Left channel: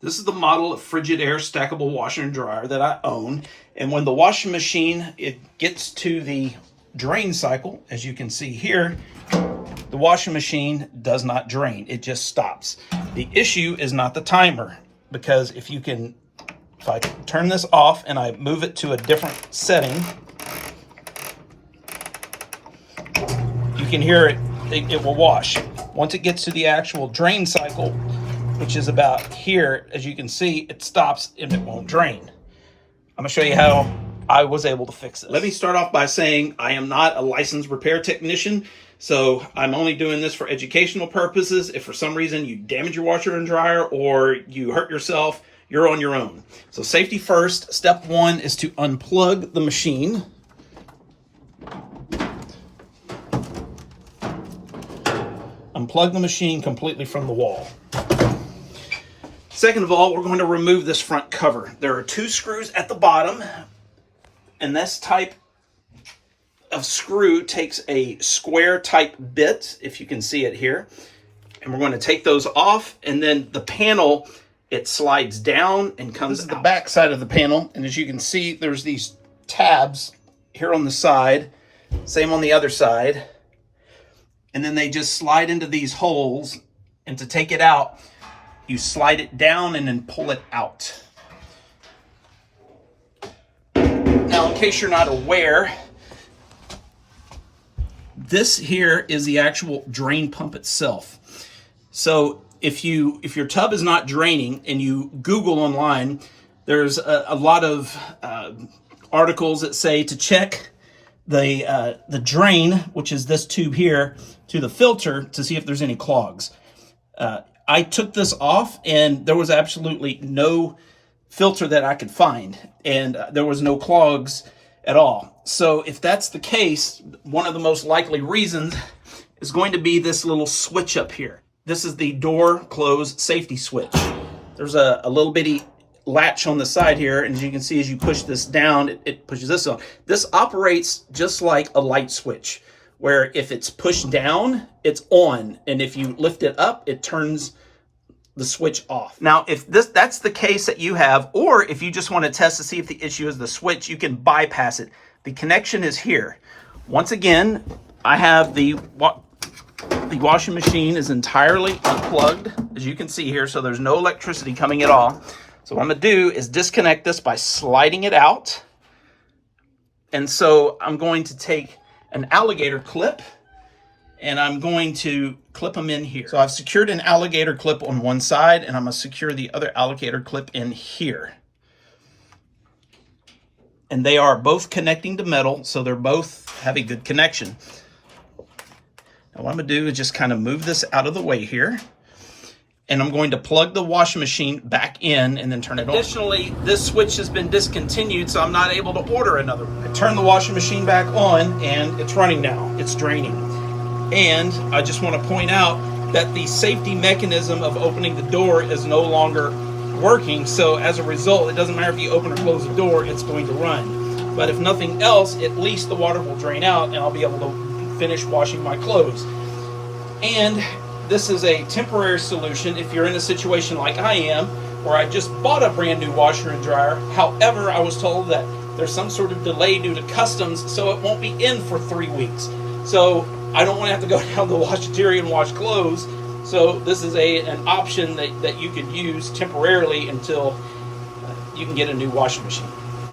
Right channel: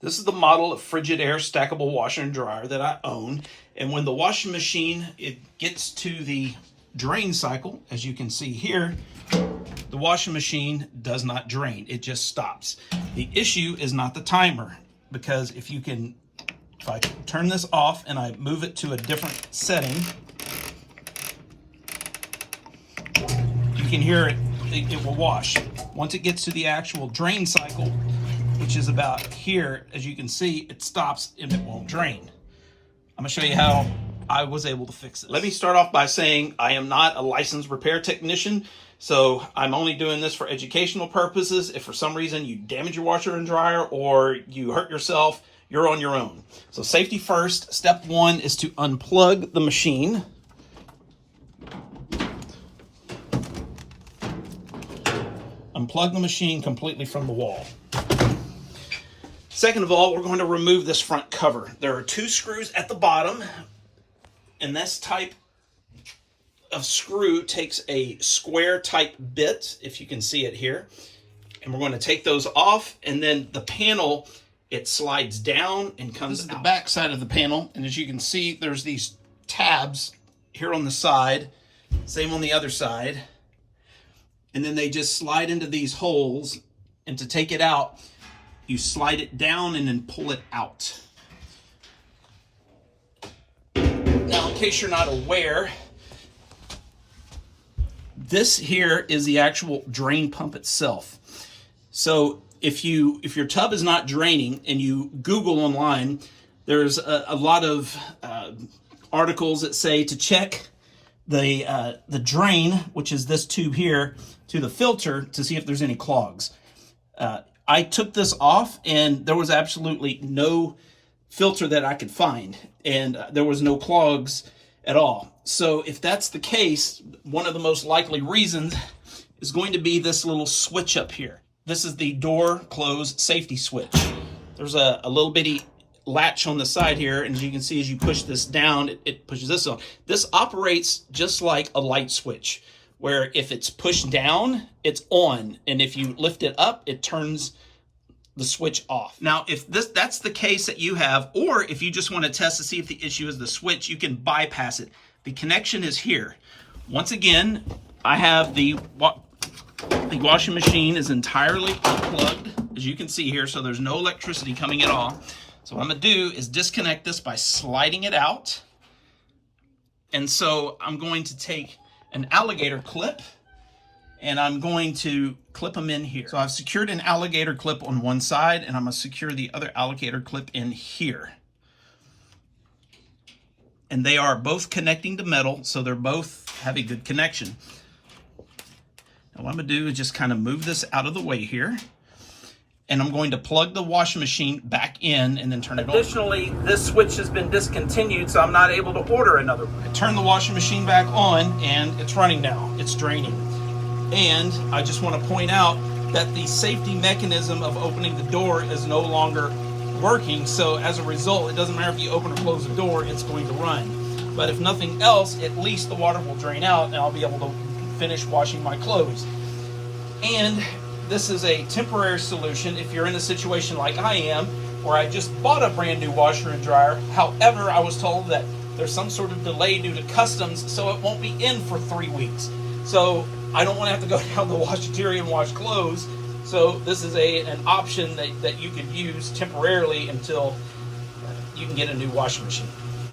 This is the model of Frigidaire stackable washer and dryer that I own. And when the washing machine, it gets to the drain cycle, as you can see here, the washing machine does not drain. It just stops. The issue is not the timer, because if I turn this off and I move it to a different setting, you can hear it will wash. Once it gets to the actual drain cycle, which is about here, as you can see, it stops and it won't drain. I'm gonna show you how I was able to fix it. Let me start off by saying I am not a licensed repair technician, so I'm only doing this for educational purposes. If for some reason you damage your washer and dryer or you hurt yourself, you're on your own. So safety first. Step one is to unplug the machine. Unplug the machine completely from the wall. Second of all, we're going to remove this front cover. There are 2 screws at the bottom, and this type of screw takes a square type bit, if you can see it here. And we're going to take those off, and then the panel, it slides down and comes out. This is the back side of the panel, and as you can see, there's these tabs here on the side, same on the other side. And then they just slide into these holes, and to take it out, you slide it down and then pull it out. Now, in case you're not aware, this here is the actual drain pump itself. So if your tub is not draining and you Google online, there's a lot of articles that say to check the drain, which is this tube here, to the filter to see if there's any clogs. I took this off and there was absolutely no filter that I could find, and there was no clogs at all. So if that's the case, one of the most likely reasons is going to be this little switch up here. This is the door close safety switch. There's a little bitty latch on the side here, and as you can see, as you push this down, it pushes this on. This operates just like a light switch, where if it's pushed down, it's on, and if you lift it up, it turns the switch off. Now, if that's the case that you have, or if you just want to test to see if the issue is the switch, you can bypass it. The connection is here. Once again, I have the washing machine is entirely unplugged, as you can see here, so there's no electricity coming at all. So what I'm gonna do is disconnect this by sliding it out. And so I'm going to take an alligator clip, and I'm going to clip them in here. So I've secured an alligator clip on one side, and I'm gonna secure the other alligator clip in here. And they are both connecting to metal, so they're both have a good connection. Now what I'm gonna do is just kind of move this out of the way here, and I'm going to plug the washing machine back in and then turn it on. Additionally, this switch has been discontinued, so I'm not able to order another one. I turn the washing machine back on, and it's running now. It's draining. And I just want to point out that the safety mechanism of opening the door is no longer working, so as a result, it doesn't matter if you open or close the door, it's going to run. But if nothing else, at least the water will drain out, and I'll be able to finish washing my clothes. And this is a temporary solution if you're in a situation like I am, where I just bought a brand new washer and dryer. However, I was told that there's some sort of delay due to customs, so it won't be in for 3 weeks. So I don't want to have to go down to the washateria and wash clothes. So this is an option that you could use temporarily until you can get a new washing machine.